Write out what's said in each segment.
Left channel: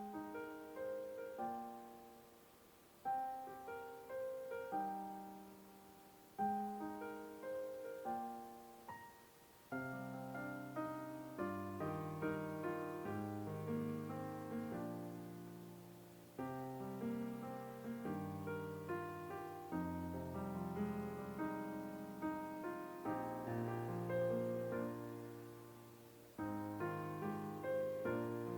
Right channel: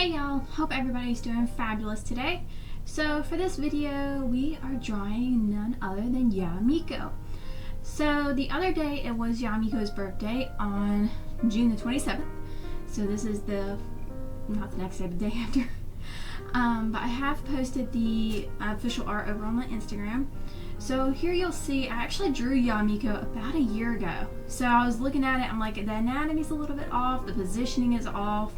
Hey y'all, hope everybody's doing fabulous today. So for this video, we are drawing none other than Yae Miko. So the other day, it was Yae Miko's birthday on June the 27th. So this is not the next day, the day after. But I have posted the official art over on my Instagram. So here you'll see, I actually drew Yae Miko about a year ago. So I was looking at it, I'm like, the anatomy's a little bit off, the positioning is off.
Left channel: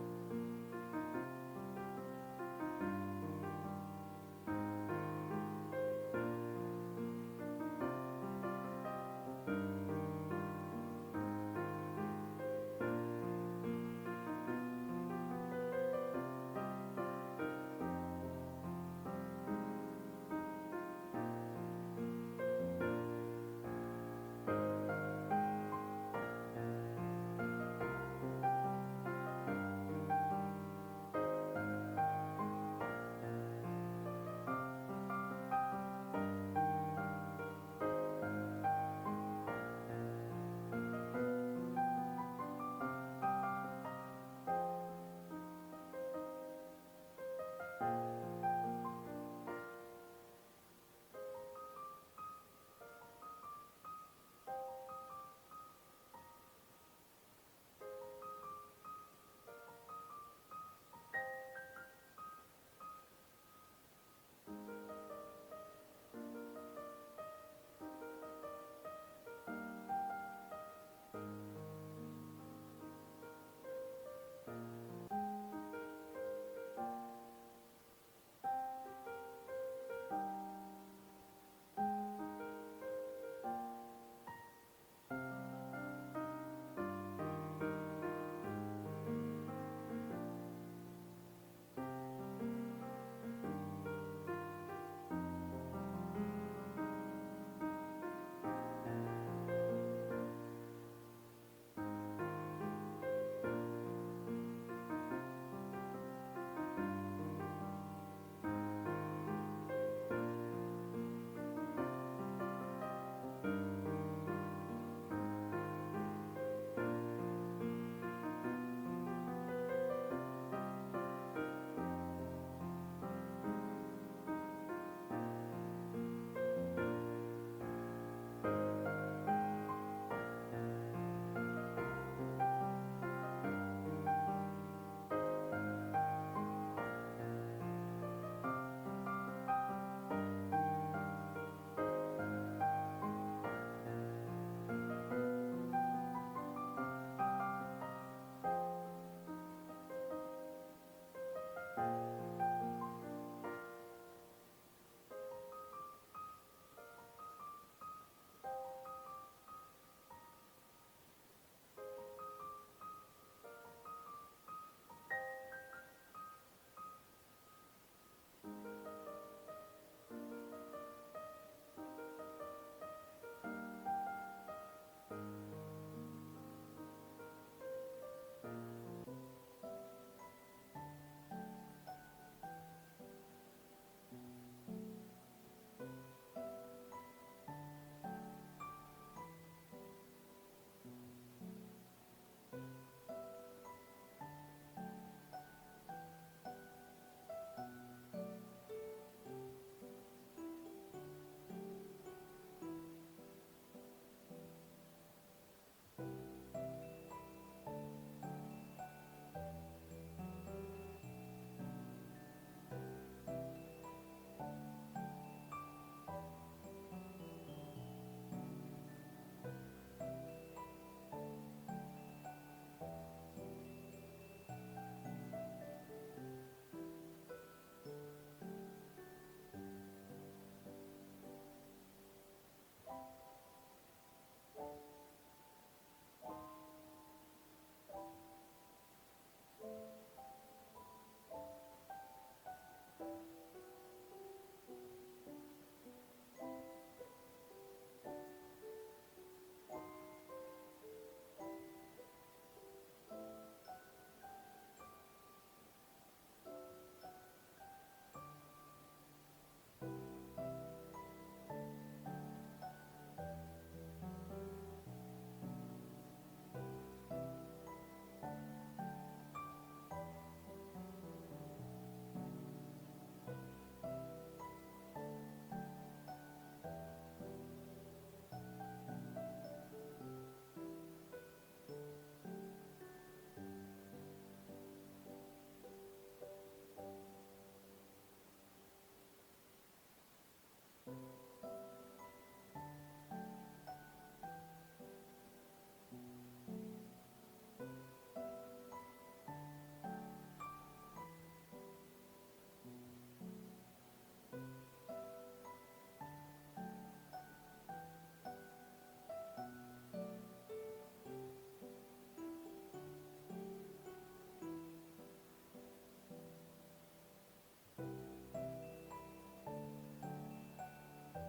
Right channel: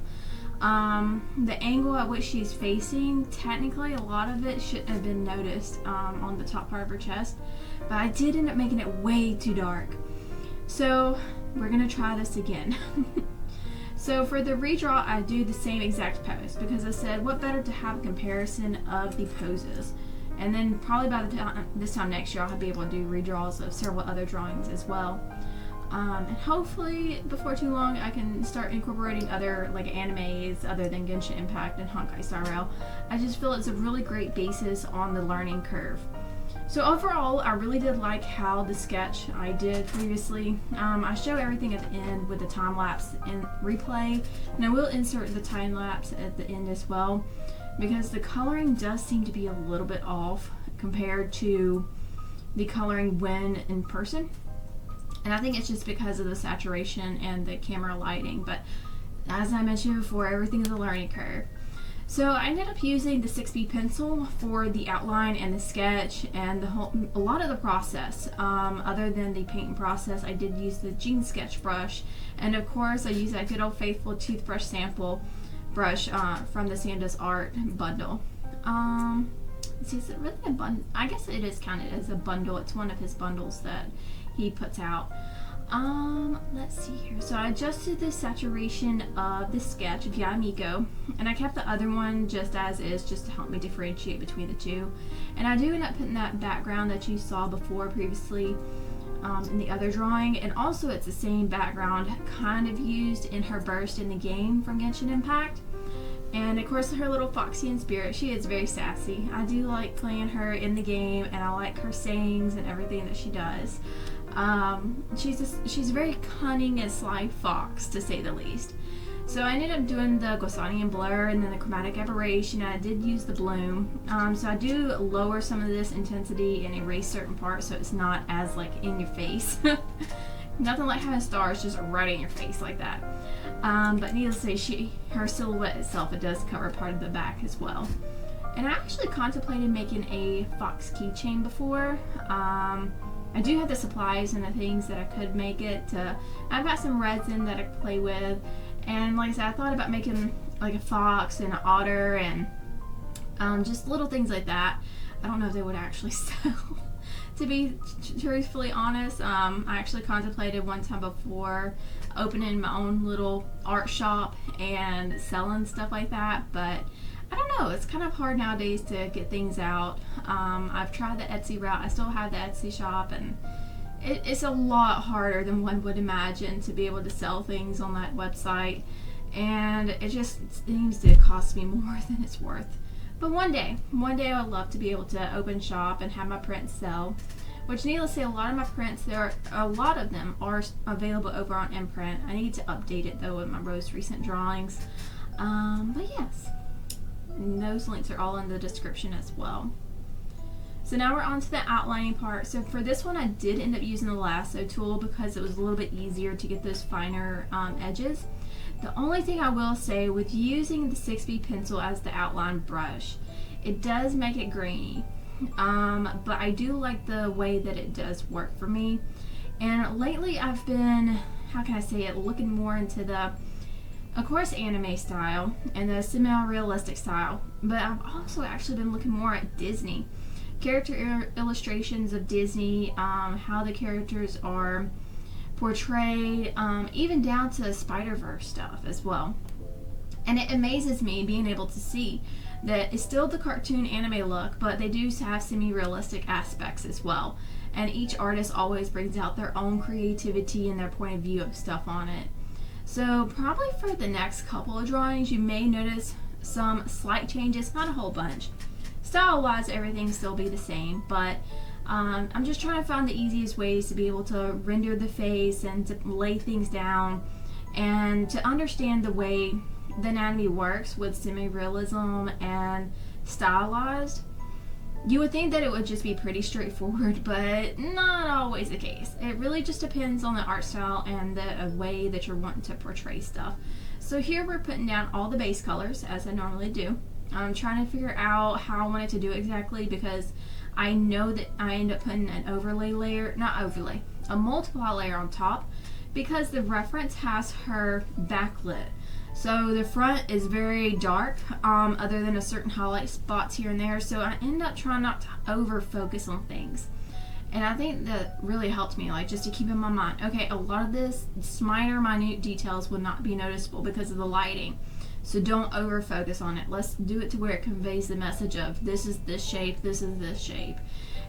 The angle at which she's facing, technically a lot of it shouldn't have been noticed on the top part of her chest, but I did end up making it way too dark. So we're gonna try this again. So for the redraw, I do the same exact pose because I said, what better to have a comparison of the poses, and then probably by the time this time next year I'll be able to do redraws of several other drawings as well. And hopefully before too long I can start incorporating other like animes other than Genshin Impact and Honkai Star Rail. I just feel it's a really great basis on the learning curve. So overall, I really did like how the sketch I did previously, I show everything at the end with the time lapse and replay, and I will insert the time lapse at the end as well, because the coloring does seem to be a little bit off compared to the coloring when in person. And I think it's just because of the saturation and the camera lighting, but as I mentioned before, everything is a learning curve. So I ended up using the 6B pencil for the outline and the sketch and a lot of the process. Other than the painting process, I did use the JingSketch brush, and of course I used that good old faithful toothbrush sample brush from the Samda's art bundle. Is it really a bundle? I guess it is counted as a bundle. It's one of his bundles that he puts out. Let's see here. So I adjusted the saturation of the sketch of Yae Miko, and I kept the other one just as is, just to help me differentiate between the two. And I do end up putting that background that you saw before previously in the other drawing, and also it's the same background kind of used in her burst in the game from Genshin Impact. And of course her little Foxian spirit, she is very sassy. I do like playing her in the game, and I like her sayings and everything that she does. She's a very cunning and sly fox, to say the least. So I ended up doing the Gaussian blur and then the chromatic aberration. I did use the bloom. So I do lower some of this intensity and erase certain parts so it's not as like in your face. Nothing like having stars just right in your face like that. But needless to say, her silhouette itself, it does cover part of the back as well. And I actually contemplated making a fox keychain before. I do have the supplies and the things that I could make it. I've got some resin that I play with, and like I said, I thought about making like a fox and an otter and just little things like that. I don't know if they would actually sell. To be truthfully honest, I actually contemplated one time before opening my own little art shop and selling stuff like that, but I don't know, it's kind of hard nowadays to get things out. I've tried the Etsy route. I still have the Etsy shop, and it's a lot harder than one would imagine to be able to sell things on that website, and it just seems to cost me more than it's worth. But one day I would love to be able to open shop and have my prints sell, which needless to say, a lot of my prints, a lot of them are available over on Imprint. I need to update it though with my most recent drawings. But yes, and those links are all in the description as well. So now we're on to the outlining part. So for this one, I did end up using the lasso tool because it was a little bit easier to get those finer edges. The only thing I will say with using the 6B pencil as the outline brush, it does make it grainy. But I do like the way that it does work for me. And lately I've been, how can I say it, looking more into the, of course, anime style and the semi-realistic style, but I've also actually been looking more at Disney. Character illustrations of Disney, how the characters are portrayed, even down to Spider-Verse stuff as well. And it amazes me being able to see that it's still the cartoon anime look, but they do have semi-realistic aspects as well. And each artist always brings out their own creativity and their point of view of stuff on it. So probably for the next couple of drawings, you may notice some slight changes, not a whole bunch. Style-wise, everything still be the same, but I'm just trying to find the easiest ways to be able to render the face and to lay things down and to understand the way the anatomy works with semi-realism and stylized, you would think that it would just be pretty straightforward, but not always the case. It really just depends on the art style and the way that you're wanting to portray stuff. So here we're putting down all the base colors as I normally do. I'm trying to figure out how I wanted to do it exactly, because I know that I end up putting an overlay layer, not overlay, a multiply layer on top, because the reference has her backlit. So the front is very dark, other than a certain highlight spots here and there. So I end up trying not to over focus on things. And I think that really helped me, like, just to keep in my mind, okay, a lot of this minute details will not be noticeable because of the lighting. So don't over focus on it. Let's do it to where it conveys the message of this is this shape, this is this shape.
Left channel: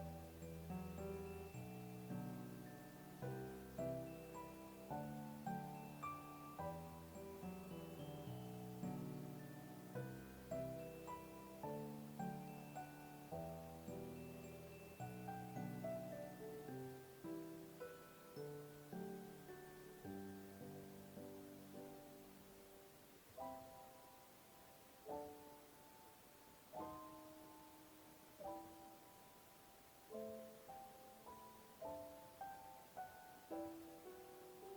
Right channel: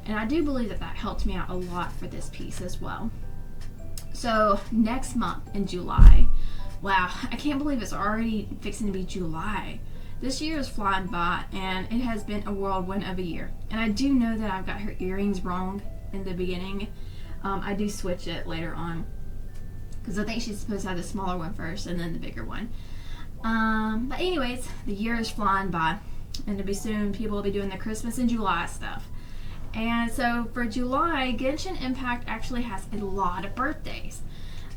And I do believe that that helped me out a lot for this piece as well. So next month in July, wow, I can't believe it's already fixing to be July. This year is flying by, and it has been a whirlwind of a year. And I do know that I've got her earrings wrong in the beginning. I do switch it later on, because I think she's supposed to have the smaller one first and then the bigger one. But anyways, the year is flying by, and to be soon people will be doing the Christmas in July stuff. And so for July, Genshin Impact actually has a lot of birthdays.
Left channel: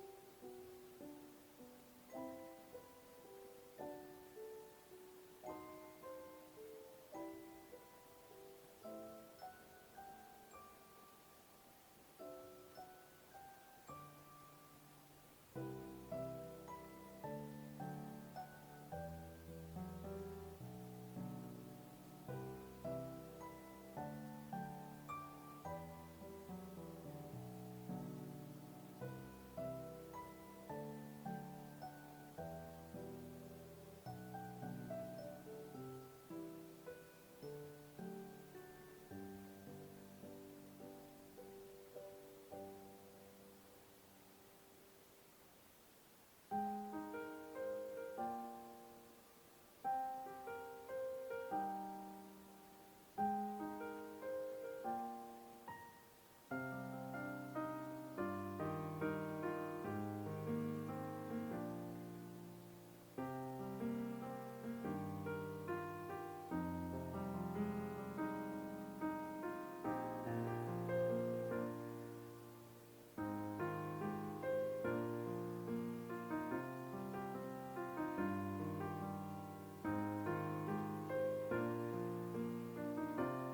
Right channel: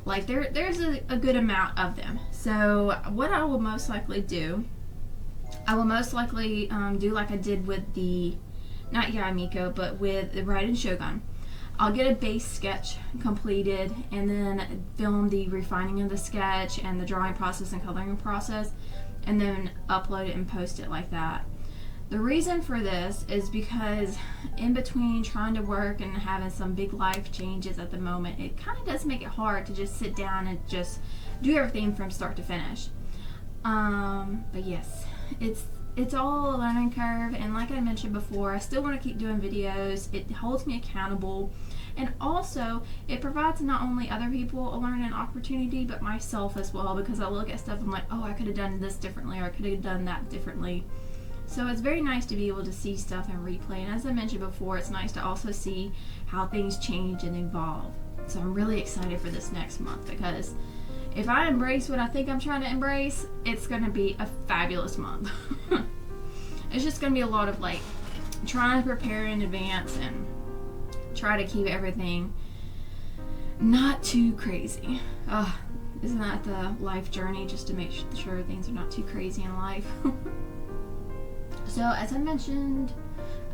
Like there's a good amount of them. So what I will most likely do, do like I did with the, not Yae Miko, but with the Raiden Shogun. I'll get a base sketch completed and then film the refining of the sketch and the drawing process and coloring process, and then upload it and post it like that. The reason for this is because in between trying to work and having some big life changes at the moment, it kind of does make it hard to just sit down and just do everything from start to finish. But yes, it's all a learning curve, and like I mentioned before, I still want to keep doing videos. It holds me accountable, and also it provides not only other people a learning opportunity, but myself as well, because I look at stuff and I'm like, oh, I could have done this differently, or I could have done that differently. So it's very nice to be able to see stuff and replay, and as I mentioned before, it's nice to also see how things change and evolve. So I'm really excited for this next month, because if I embrace what I think I'm trying to embrace, it's going to be a fabulous month. It's just going to be a lot of like trying to prepare in advance and try to keep everything not too crazy. Isn't that the life journey, just to make sure things are not too crazy in life? So as I mentioned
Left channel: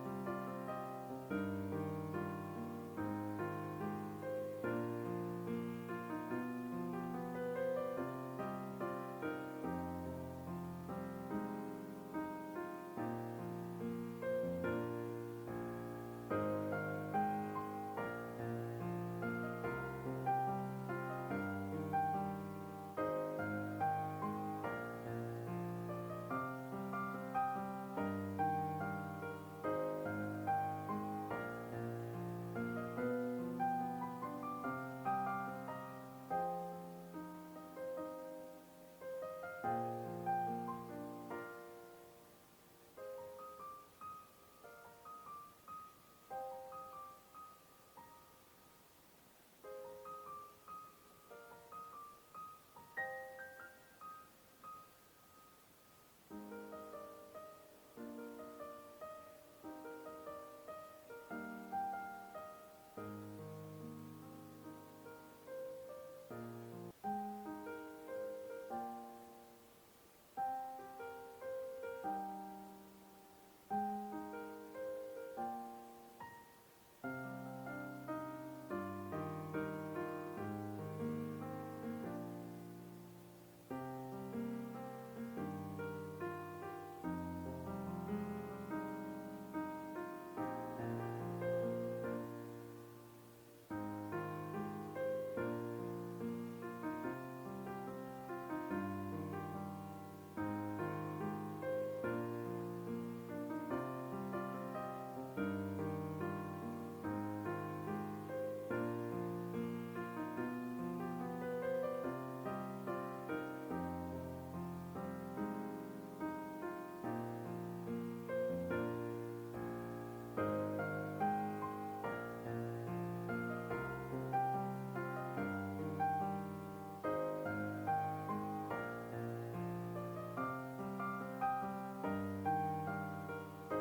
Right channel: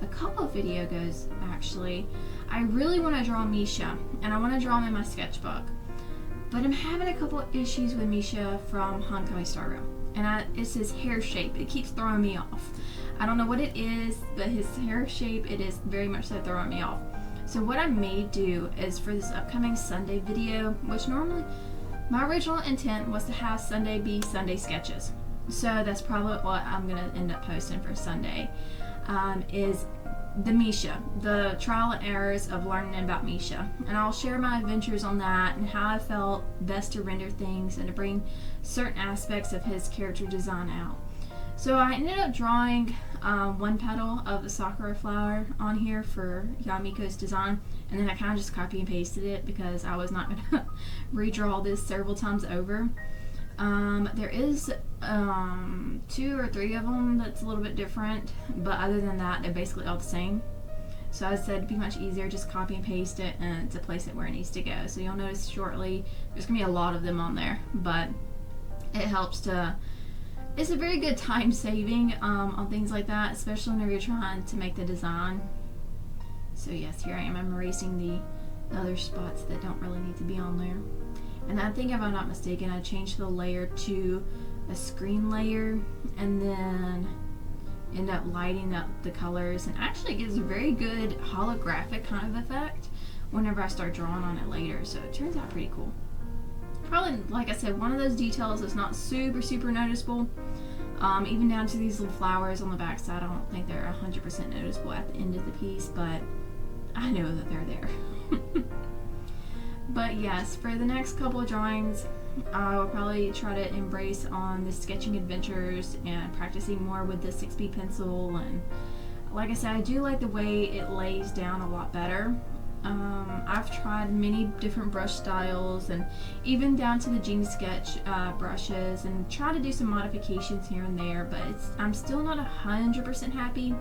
a couple of videos ago, actually, I really want to draw Misha, and I want to draw him in my sketchbook. But I'm having a couple of issues with Misha from Honkai Star Rail, and it's his hair shape. It keeps throwing me off. I don't know what it is, but his hair shape, it is very much so throwing me off. So what I may do is for this upcoming Sunday video, which normally my original intent was to have Sunday be Sunday sketches. So that's probably what I'm going to end up posting for Sunday, is the Misha, the trial and errors of learning about Misha. And I'll share my adventures on that and how I felt best to render things and to bring certain aspects of his character design out. So I ended up drawing one petal of the sakura flower on here for Yae Miko's design, and then I kind of just copy and pasted it because I was not going to redraw this several times over. There is 2 or 3 of them that's a little bit different, but other than that, they're basically all the same. So I said it'd be much easier just copy and paste it and to place it where it needs to go. So you'll notice shortly there's gonna be a lot of them on there, but it helps to, it's a very good time saving on things like that, especially whenever you're trying to make the design. So yes, here I am, I'm erasing the other spots that don't really need to be on there. And I think, if I'm not mistaken, I changed the layer to a screen layer and then end up lighting up the colors, and actually it gives a very good holographic kind of effect whenever I start drawing on it later. So it turns out pretty cool. Probably, like I said, one of those details that's not super noticeable. Even down to these little flowers on the back side, I don't think they're 100% noticeable at the end of the piece, but I know that they're there. But yes, for the next couple of drawings, I will probably try to embrace on the sketching adventures and practicing more with the 6B pencil. And like I said, I do like the way it lays down a lot better. I've tried many different brush styles and even down to the JingSketch brushes, and try to do some modifications here and there, but I'm still not 100% happy.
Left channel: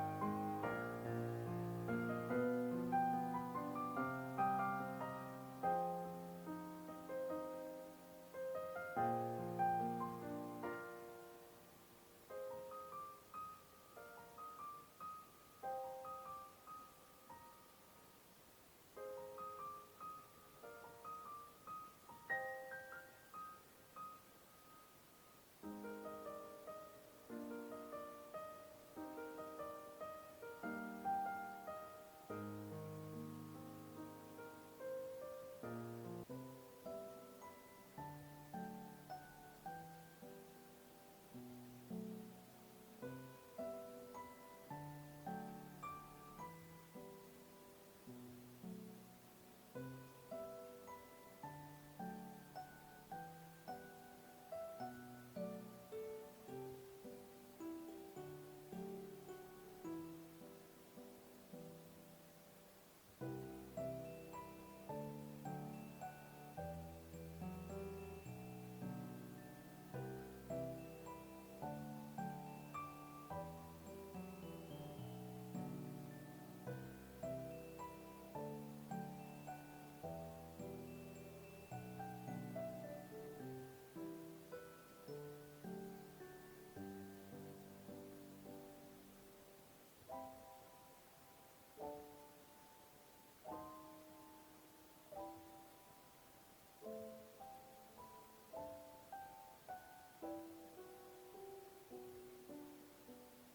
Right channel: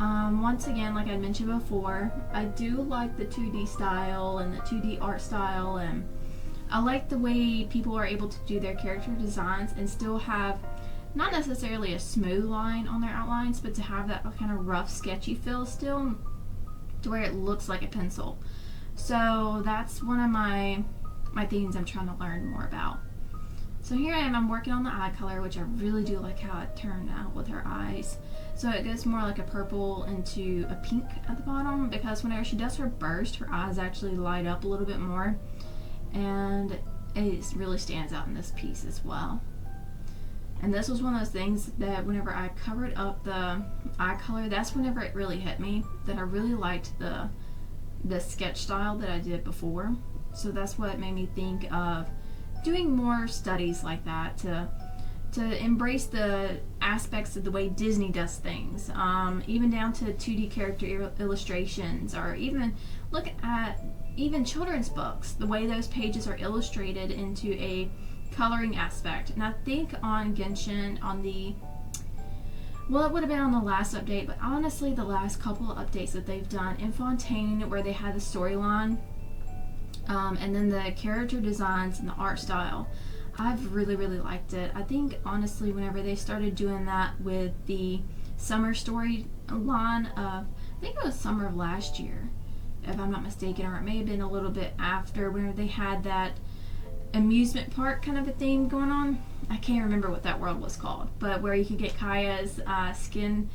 Once again, like I mentioned before, I do like the 2D style and the 2D art style, and I like the way people are able to do their character designs and still have not necessarily a smooth line on their outlines, but to have that kind of rough, sketchy feel still, to where it looks like a pencil. So that's one of my things I'm trying to learn more about. So here I am, I'm working on the eye color, which I really do like how it turned out with her eyes. So it goes more like a purple into a pink at the bottom, because whenever she does her burst, her eyes actually light up a little bit more, and it really stands out in this piece as well. And this was one of those things that whenever I covered up the eye color, that's whenever it really hit me that I really liked the sketch style that I did before. So that's what made me think of doing more studies like that, to embrace the aspects of the way Disney does things, even down to 2D character illustrations, or even look at even children's books, the way those pages are illustrated into a coloring aspect. And I think on Genshin, on the, well, it would have been on the last update, but honestly the last couple of updates that they've done in Fontaine, where they had the storyline, and then the character designs and the art style, I've really liked it. I think honestly whenever they started doing that with the summer story line, I think it was summer of last year if I'm not mistaken, or it may have been a little bit after, whenever they had that amusement park kind of a thing going on. I can't remember what that world was called, but where you could get Kaya's skin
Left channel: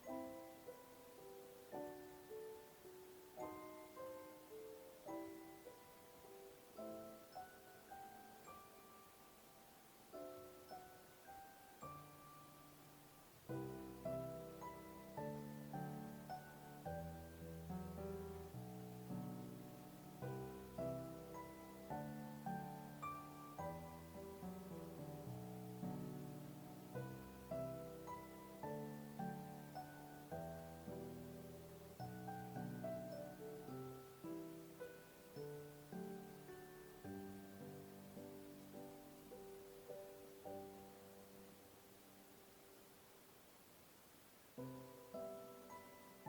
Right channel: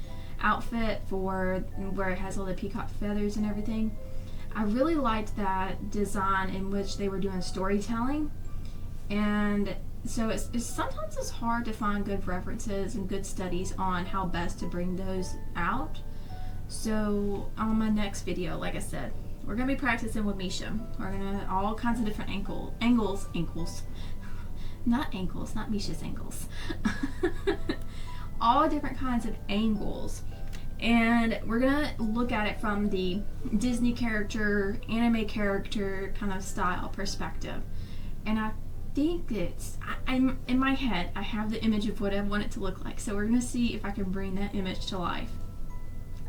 outfit for where it has all the peacock feathers and everything. I really liked that design in which they were doing storytelling, and so it's sometimes it's hard to find good references and good studies on how best to bring those out. So on my next video, like I said, we're gonna be practicing with Misha. We're gonna all kinds of different angles, not ankles, not Misha's ankles. All different kinds of angles, and we're gonna look at it from the Disney character, anime character kind of style perspective. And I think I'm in my head, I have the image of what I want it to look like. So we're gonna see if I can bring that image to life.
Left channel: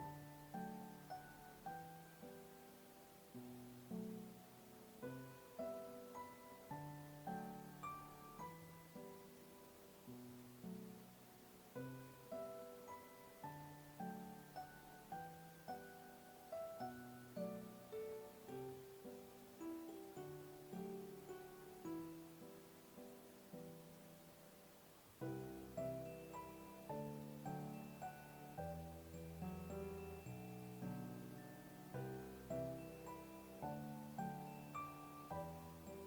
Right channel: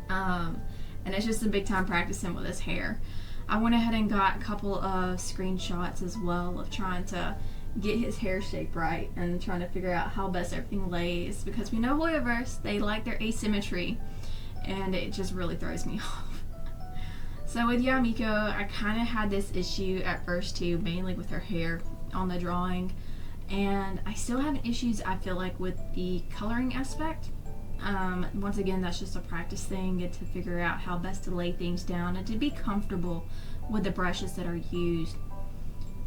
And it's just a big time practicing with his hair. I went ahead and got a couple of screenshots as well of trying to get his hair shape right and trying to figure out how best everything lays, because we know Hoyoverse, they like their asymmetry, and it just really throws me off. So with Yae Miko, I kind of had this issue at first too, mainly with her hair on the drawing, and I still have issues, I feel like, with the coloring aspect. Once again, that's just a practice thing, and to figure out how best to lay things down and to be comfortable with the brushes that are used.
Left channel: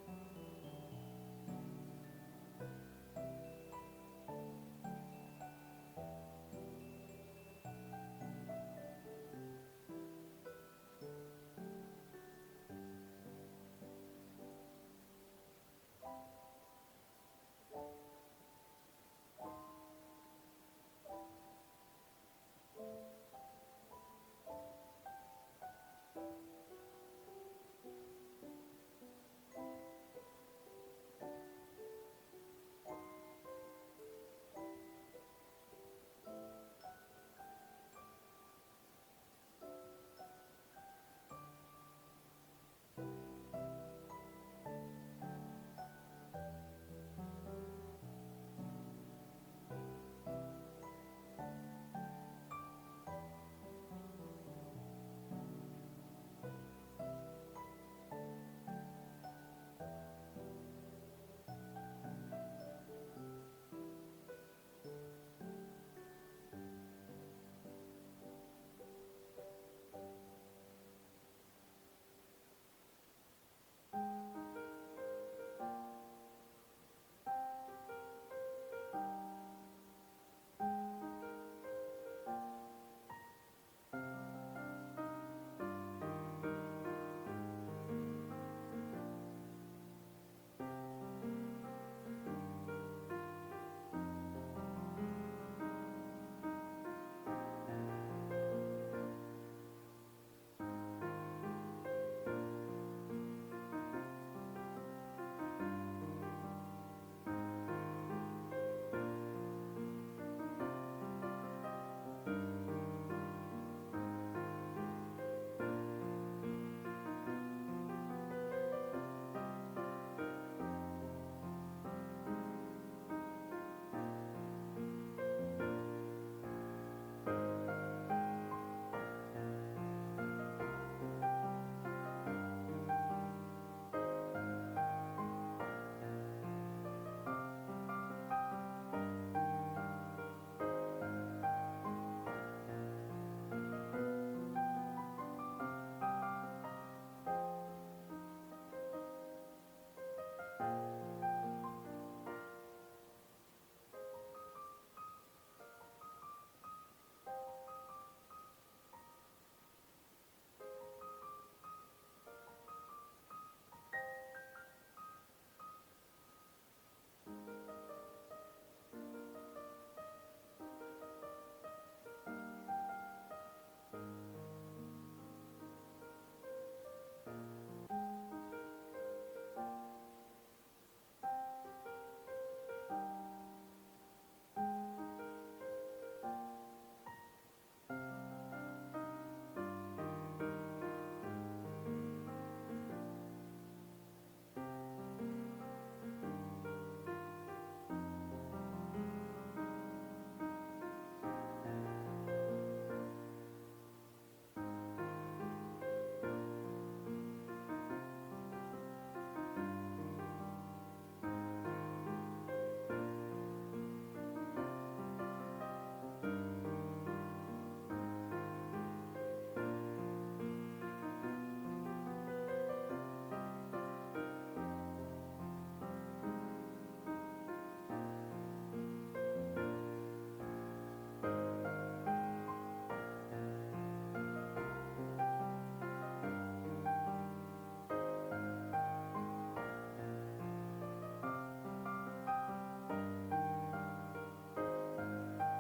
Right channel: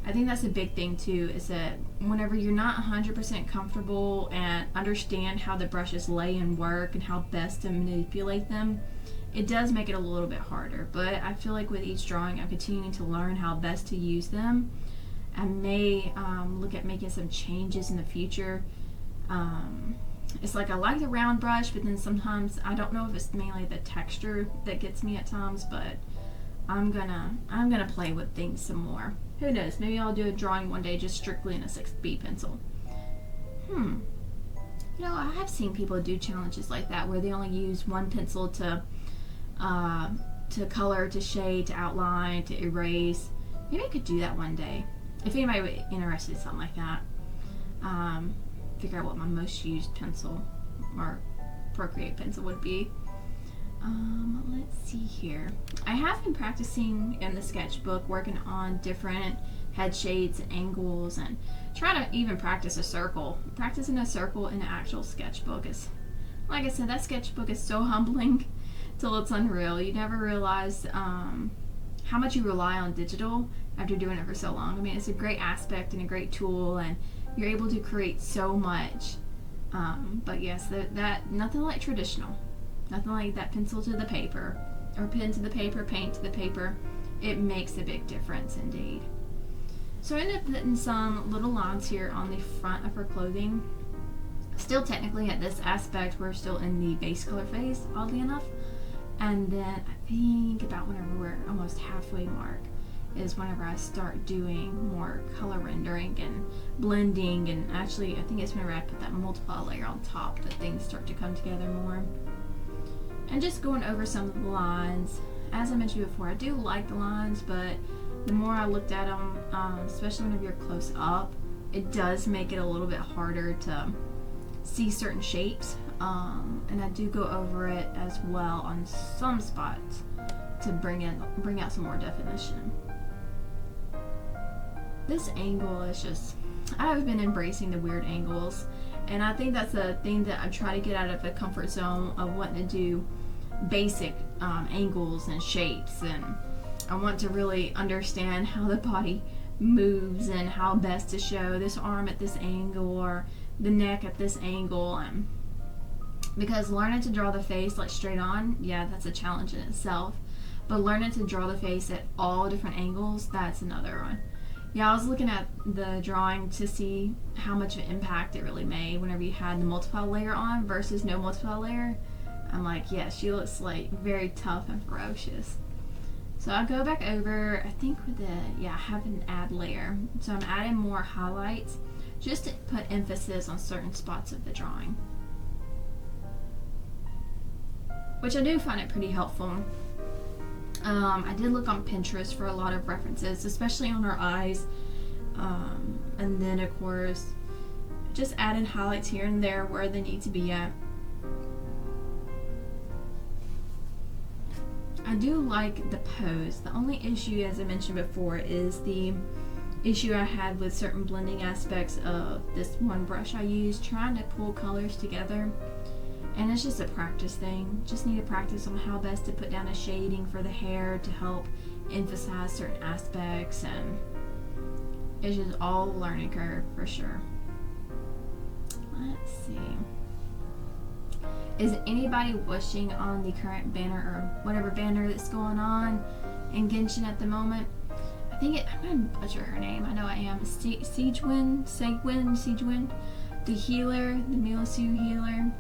I think that's a big thing too, is that whenever you're not 100% comfortable and understand how the brushes lay and work and how best to manipulate them, it does make it a little bit harder. But I feel like with each drawing, I'm continuing to learn how best to use them. I may look at making some changes in the future. It's like I like the round brush, but then sometimes I don't know if it's mainly the texture that gets me at times, but I'm gonna play with things some more. Who knows, maybe I'll do a drawing one day just strictly in a 6B pencil. You know, I have seen people do challenges like that where they only use one pencil to color, to shade, to outline, to erase. Maybe I could do that one day. If anybody would be interested in something like that. Figure out what my most used pencil or Procreate pencil would be. Let's see here. I have been practicing in the sketchbook, working on different head shades and angles, and trying to even practice a circle. Practicing a circle in an actual sketchbook is, like I said, that sketchbook is so humbling till it's unreal. You never realize how much you rely on digital after doing it for so long. I mean, it's a great aspect and a great tool, and you're able to create so much. But yes, that nothing like traditional. Nothing like that pencil to the paper, or pen to the paper, paint to the paper. It makes a big difference indeed. So I ended up putting some little lines here on the front of her clothing. Still technically at this aspect, we're still in the base color phase, oddly enough. And then I think about whenever we're almost halfway mark is whenever I start doing more color rendering and blending, and actually I think it's whenever I put that multiply layer on top that things start to come together more. And just going over some of the lines. As I mentioned before, I do like the lines, but the more I looked at them, especially whenever you're close up, it does make it a little bit harder to see certain shapes. And I do go over it as well on some spots to bring out some more definition. This angle is just, I've been embracing the weird angles, and I think that's a thing that I try to get out of the comfort zone of wanting to do basic angles and shapes, and I want to really understand how the body moves and how best to show this arm at this angle or the neck at this angle. Because learning to draw the face like straight on, yeah, that's a challenge in itself, but learning to draw the face at all different angles, that's another one. Yeah, I was looking at the drawing to see how much of an impact it really made whenever you had the multiply layer on versus no multiply layer. I'm like, yeah, she looks like very tough and ferocious. So I'll go back over, I think with the, I have an add layer. So I'm adding more highlights just to put emphasis on certain spots of the drawing, which I do find it pretty helpful. I did look on Pinterest for a lot of references, especially on her eyes. And then of course, just adding highlights here and there where they need to be at. I do like the pose. The only issue, as I mentioned before, is the issue I had with certain blending aspects of this one brush I used, trying to pull colors together. And it's just a practice thing. Just need to practice on how best to put down a shading for the hair to help emphasize certain aspects, and it's just all a learning curve for sure. Let's see. Is anybody wishing on the current banner or whatever banner that's going on in Genshin at the moment? I think I'm gonna butcher her name. I know I am. Segwin, the healer, the Milisu healer.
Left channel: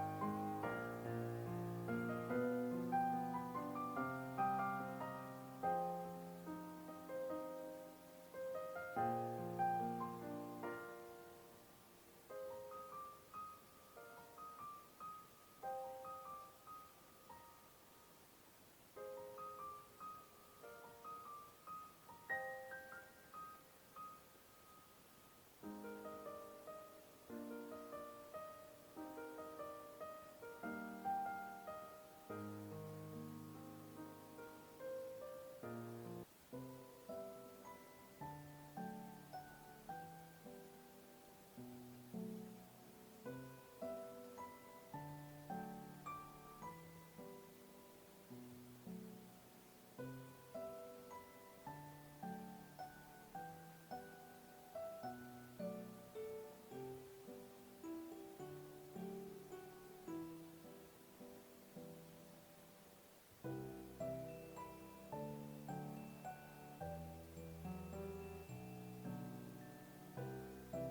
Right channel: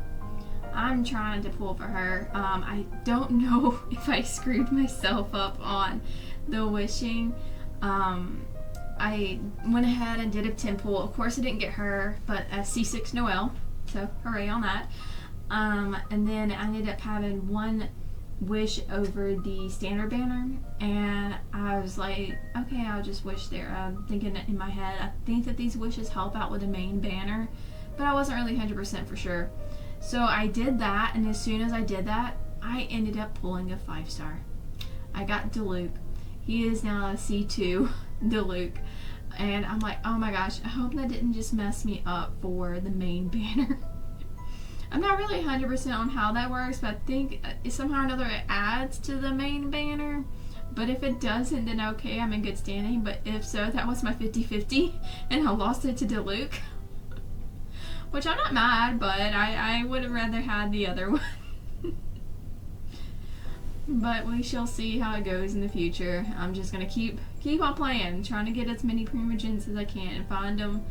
I'm trying to pull for her. I don't know if I screwed myself up on the wishing. I went ahead and did a 10 pull. Of course I didn't get her, but a C6 Noelle, so hooray on that. And then I ended up having one wish over the standard banner, and I was like, okay, I'll just wish there. I'm thinking in my head, I think that these wishes help out with the main banner, but I wasn't really 100% for sure. So I did that, and as soon as I did that, I ended up pulling a 5-star. I got Diluc. He is now a C2 Diluc, and I'm like, oh my gosh, I hope that didn't just mess me up for the main banner. I'm not really 100% on how that works, but I think somehow or another it adds to the main banner. But if it doesn't, then okay, I'm in good standing. But if so, that was my 50-50, and I lost it to Diluc. Which I'm not mad, but I would have rather had the other one. But we shall see how it goes in the future. I'm just going to keep on playing, trying to get as many primogens as I can and find them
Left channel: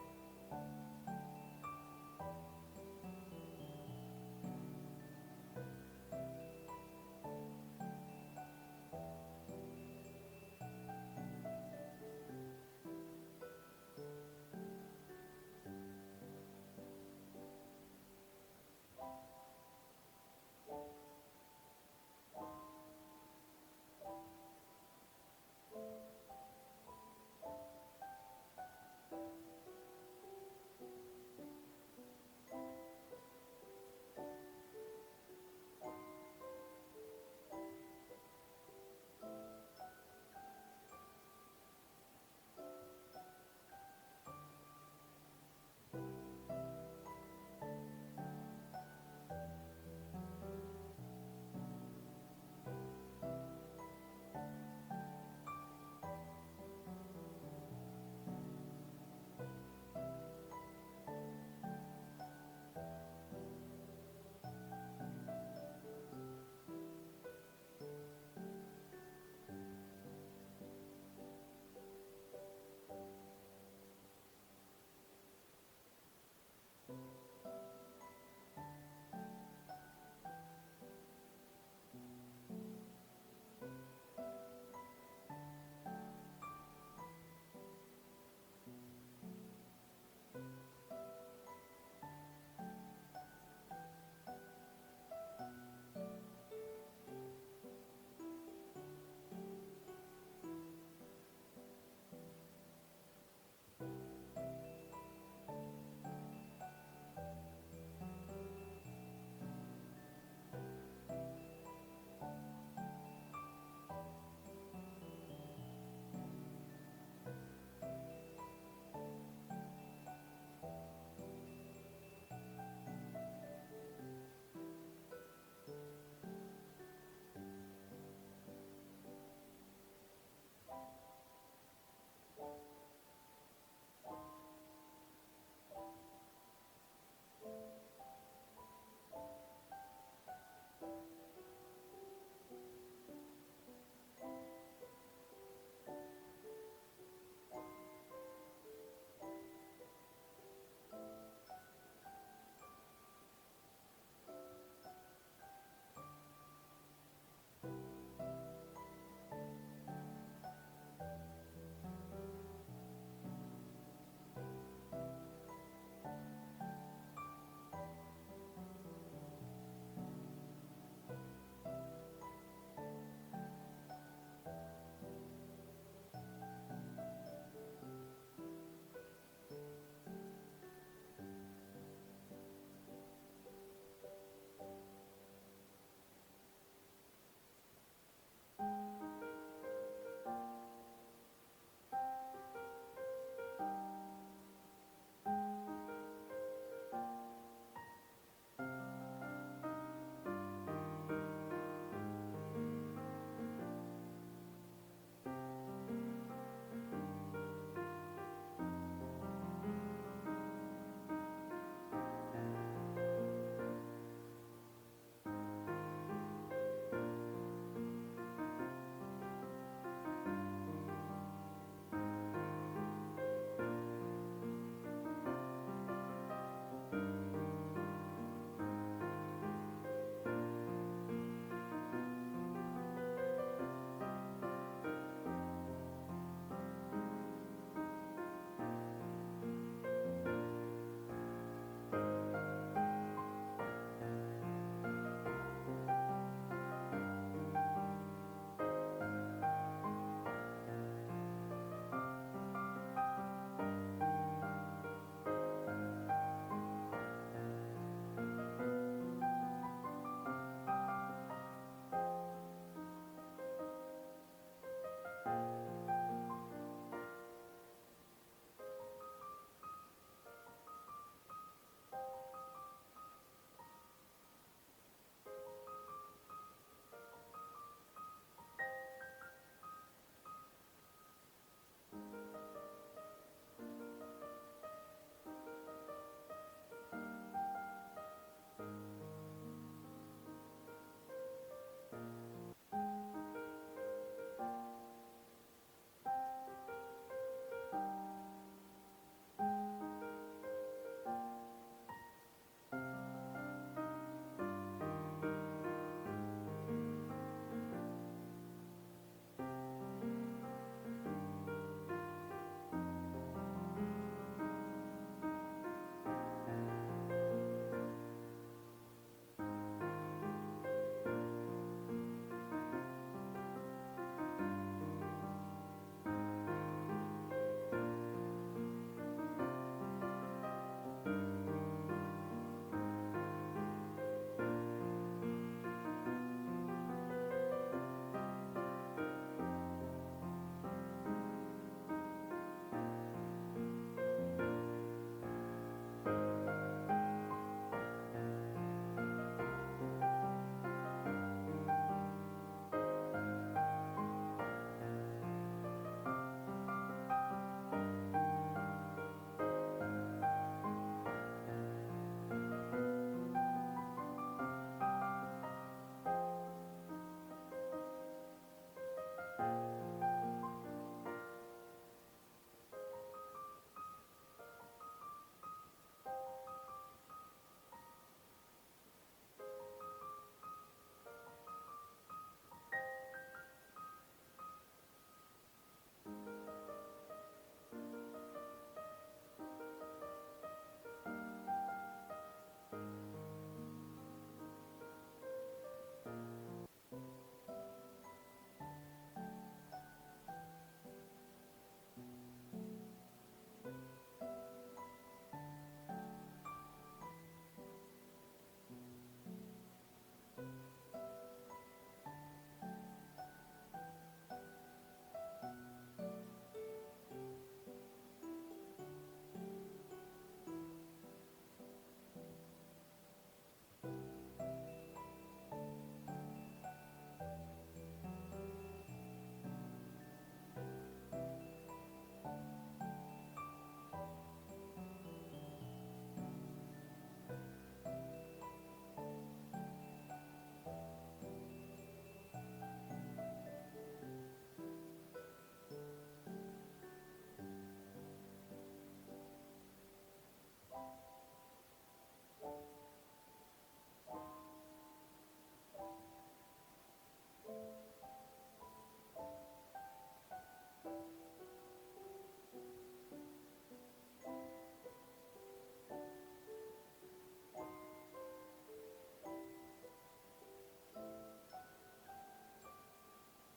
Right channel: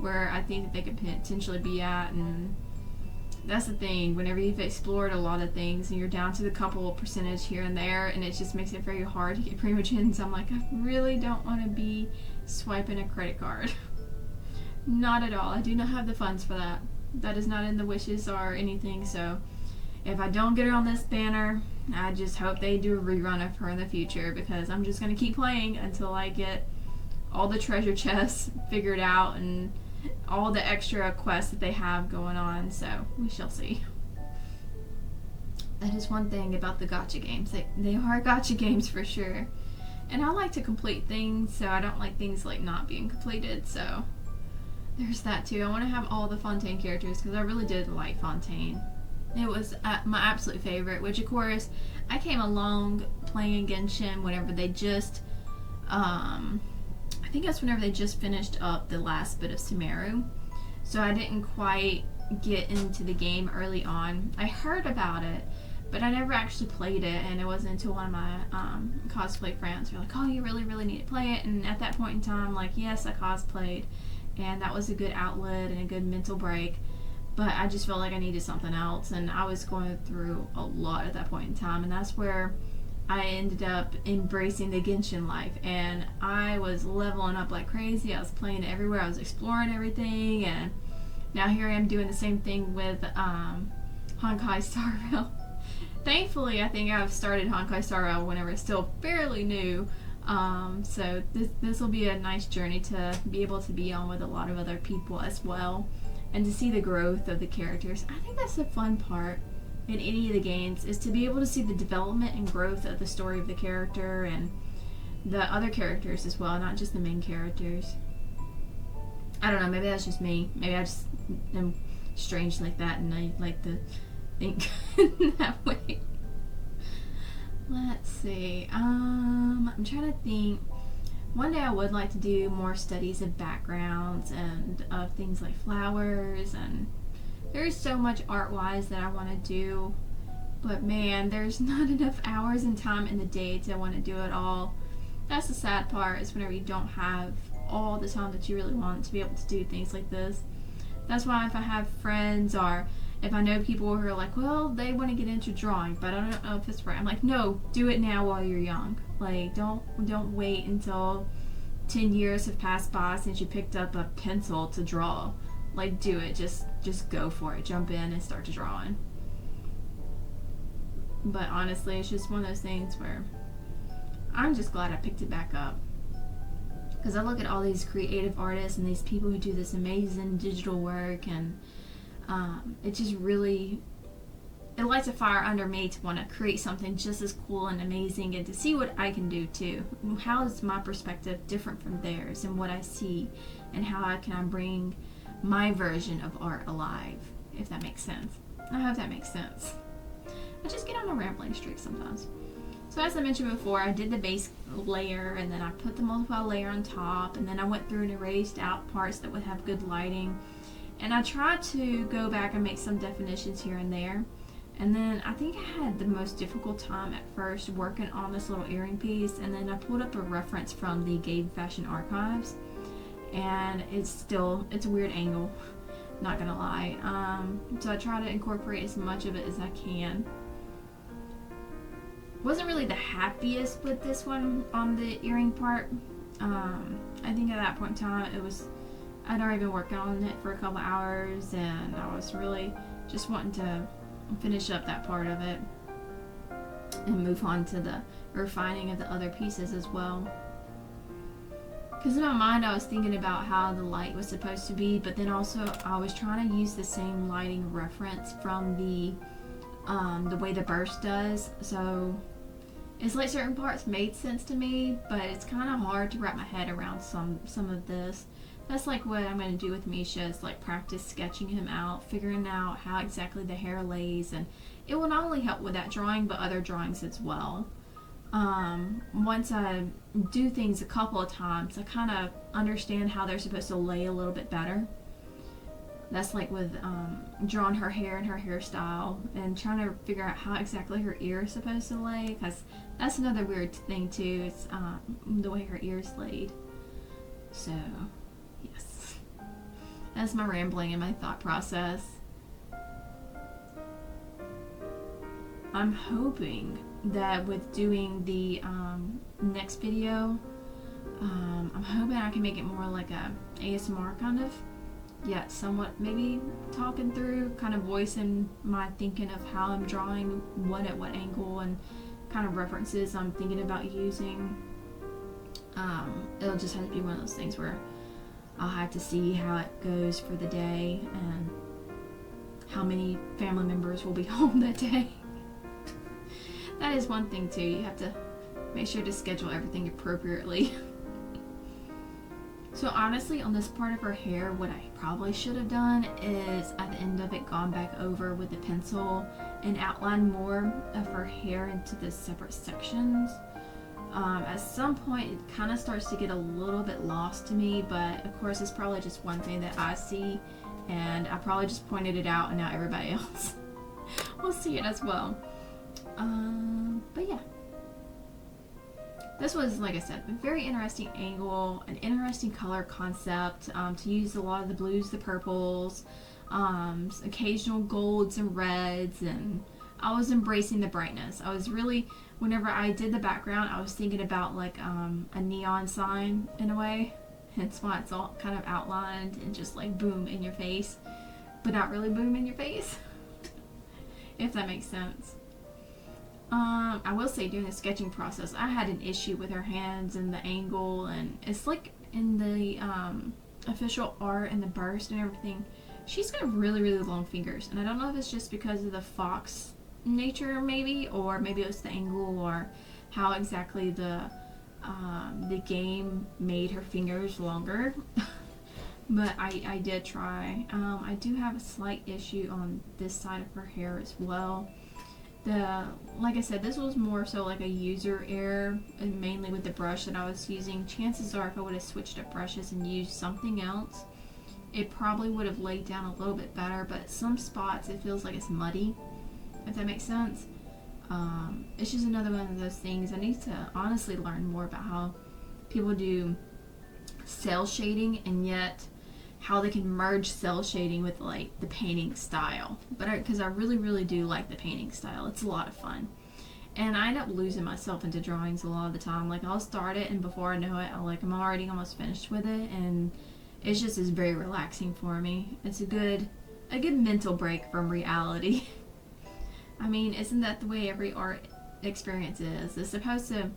where I think that they could potentially be at. And that's the thing, whenever you've explored a lot of things and you're down to the couple of percentage here and there, and it just makes it very hard to get primogens, I'm like, I really don't want to be swiping a credit card. Not at all. I do not have the funds for that. That is not in the wishes or anything, so if I don't get her on this banner, I just hope they do a rerun of her in the future, because I'm just going to keep playing until I get all the treasure chests figured out and all the extra quests that they have going on, so we shall see. That is one thing about the gacha games. They are gacha games for sure. And I like to complete things, so I don't like things like not being completed, so there's that too. I want to have all the Fontaine characters because I really did like Fontaine. It was my absolute favorite, which of course I came along playing Genshin whenever they just, I think that's whenever they just finished up the last bit of Sumeru. So I didn't quite get into the game early on. I heard about it, but I never actually played it, and it wasn't until one of my cosplay friends were like, oh, you really, really need to play it. And at that point in time, like, yes, I cosplayed, and that was a good outlet and a good mental break. but I just felt like I needed something else, and I was going through a lot at that point in time, and that's where I ended up embracing the Genshin life, and I was leveling up like crazy. I was playing it everywhere. I was exploring everything, and now here I am doing the same thing with Honkai Star Rail. Thankfully, I think I've started Honkai Star Rail whenever it's still fairly new. So this will be a nice journey to be able to be on with a lot of other people as well, and to see the growth of the characters. I think that's the fun part in any of the games, is to be able to see the development and growth of the story of the character and the other characters as well, not just the main characters. I don't know, maybe that's just me. Maybe I just am strange like that and I like to think that way. Let's see. I'm trying to think. One day I would like to do more studies of backgrounds and of things like flowers, and there's so much art-wise that I want to do, but man, there's not enough hours and time in the day to want to do it all. That's the sad part, is whenever you don't have all the time that you really want to be able to do things like this. That's why if I have friends, or if I know people who are like, well, they want to get into drawing, but I don't know if it's right, I'm like, no, do it now while you're young. Like, don't wait until 10 years have passed by since you picked up a pencil to draw. Like, do it. Just go for it. Jump in and start to drawing. But honestly, it's just one of those things where I'm just glad I picked it back up. Because I look at all these creative artists and these people who do this amazing digital work, and it just really, it lights a fire under me to want to create something just as cool and amazing, and to see what I can do too. How is my perspective different from theirs, and what I see, and how can I bring my version of art alive, if that makes sense. I hope that makes sense. I just get on a rambling streak sometimes. So as I mentioned before, I did the base layer, and then I put the multiply layer on top, and then I went through and erased out parts that would have good lighting, and I tried to go back and make some definitions here and there. And then I think I had the most difficult time at first working on this little earring piece, and then I pulled up a reference from the Gabe Fashion Archives, and it's a weird angle, not gonna lie. So I try to incorporate as much of it as I can. Wasn't really the happiest with this one on the earring part. I think at that point in time I'd already been working on it for a couple hours, and I was really just wanting to finish up that part of it and move on to the refining of the other pieces as well. Because in my mind I was thinking about how the light was supposed to be, but then also I was trying to use the same lighting reference from the way the burst does. So it's like certain parts made sense to me, but it's kind of hard to wrap my head around some of this. That's like what I'm going to do with Misha, is like practice sketching him out, figuring out how exactly the hair lays, and it will not only help with that drawing but other drawings as well. Once I do things a couple of times, I kind of understand how they're supposed to lay a little bit better. That's like with drawing her hair and her hairstyle, and trying to figure out how exactly her ear is supposed to lay, because that's another weird thing too, it's the way her ear's laid. So yes, that's my rambling and my thought process. I'm hoping that with doing the next video, I'm hoping I can make it more like a ASMR kind of, yet somewhat maybe talking through, kind of voicing my thinking of how I'm drawing, what at what angle, and kind of references I'm thinking about using. It'll just have to be one of those things where I'll have to see how it goes for the day and how many family members will be home that day. That is one thing too, you have to make sure to schedule everything appropriately. So honestly, on this part of her hair, what I probably should have done is at the end of it gone back over with a pencil and outlined more of her hair into the separate sections. At some point it kind of starts to get a little bit lost to me, but of course it's probably just one thing that I see, and I probably just pointed it out and now everybody else will see it as well. But yeah, this was, like I said, a very interesting angle, an interesting color concept, to use a lot of the blues, the purples, occasional golds and reds, and I was embracing the brightness. I was really, whenever I did the background, I was thinking about like a neon sign in a way. Hence why it's all kind of outlined and just like boom in your face, but not really boom in your face, if that makes sense. I will say during the sketching process, I had an issue with her hands and the angle, and it's like in the official art and the burst and everything, she's got really, really long fingers, and I don't know if it's just because of the fox nature maybe, or maybe it was the angle, or how exactly the game made her fingers longer. But I did try. I do have a slight issue on this side of her hair as well. Like I said, this was more so like a user error, and mainly with the brush that I was using. Chances are if I would have switched up brushes and used something else, it probably would have laid down a little bit better, but at some spots it feels like it's muddy, if that makes sense. It's just another one of those things. I need to honestly learn more about how people do cell shading, and yet how they can merge cell shading with like the painting style. But because I really, really do like the painting style, it's a lot of fun. And I end up losing myself into drawings a lot of the time. Like I'll start it, and before I know it, I'm already almost finished with it, and it's just is very relaxing for me. It's a good mental break from reality. I mean, isn't that the way every art experience is? It's supposed to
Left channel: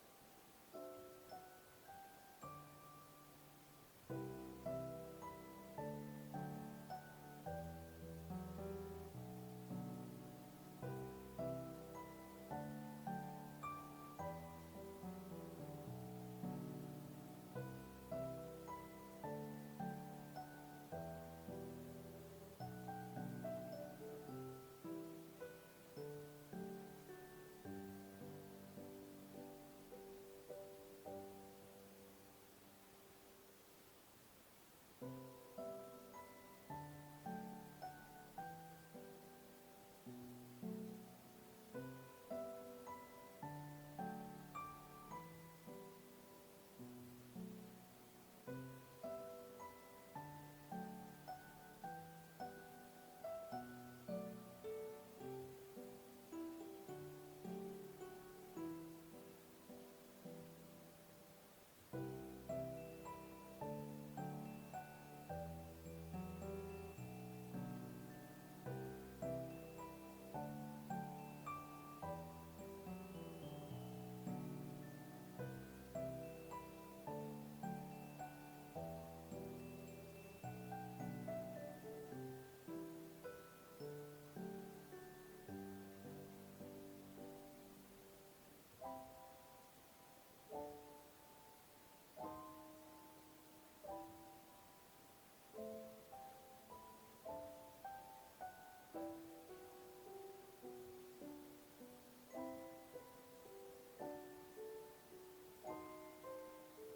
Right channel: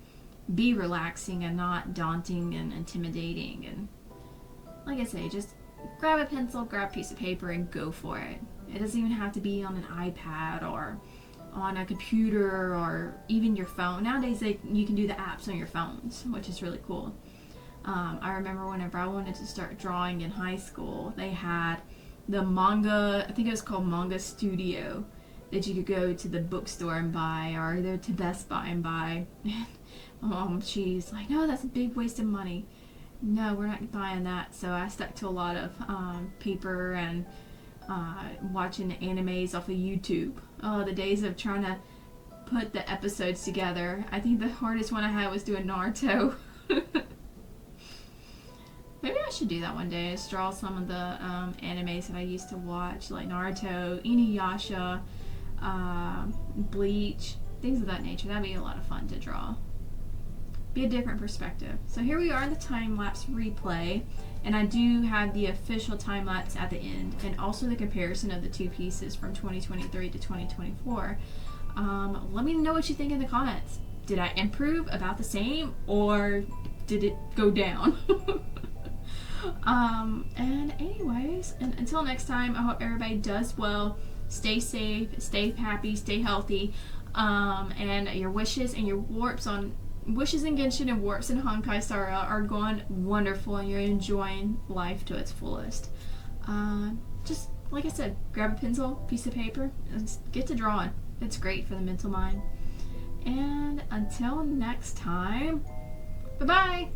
be relaxing and not daunting and intimidating. And like I say, just grab a pencil, grab a piece of paper, and go for it. It doesn't even have to be on an iPad or on a computer or even your phone. Nowadays, you can do the apps on your phones, which is really cool. I remember whenever I wanted to start drawing in high school, they had the manga, I think it was called Manga Studio, that you could go to the bookstore and buy, or either to Best Buy and buy. She's like, no, that's a big waste of money. No, we're not buying that. So I stuck to a lot of paper and watching animes off of YouTube. Oh, the days of trying to put the episodes together. I think the hardest one I had was doing Naruto. Maybe I should do that one day, is draw some of the animes that I used to watch, like Naruto, Inuyasha, Bleach, things of that nature. That'd be a lot of fun to draw. Be a different perspective. So here we are in the time-lapse replay, and I do have the official time-lapse at the end, and also the comparison of the two pieces from 2023 to 2024. Let me know what you think in the comments. Did I improve about the same, or did it go down? And anyways, and until next time, I hope everybody does well. Stay safe, stay happy, stay healthy, and your wishes and your warps on Wishes in Genshin and warps in Honkai Star Rail are going wonderful, and you're enjoying life to its fullest. Just like I said, grab a pencil, piece of paper, and get to drawing. It's great for the mental mind. And until next time, bye-bye!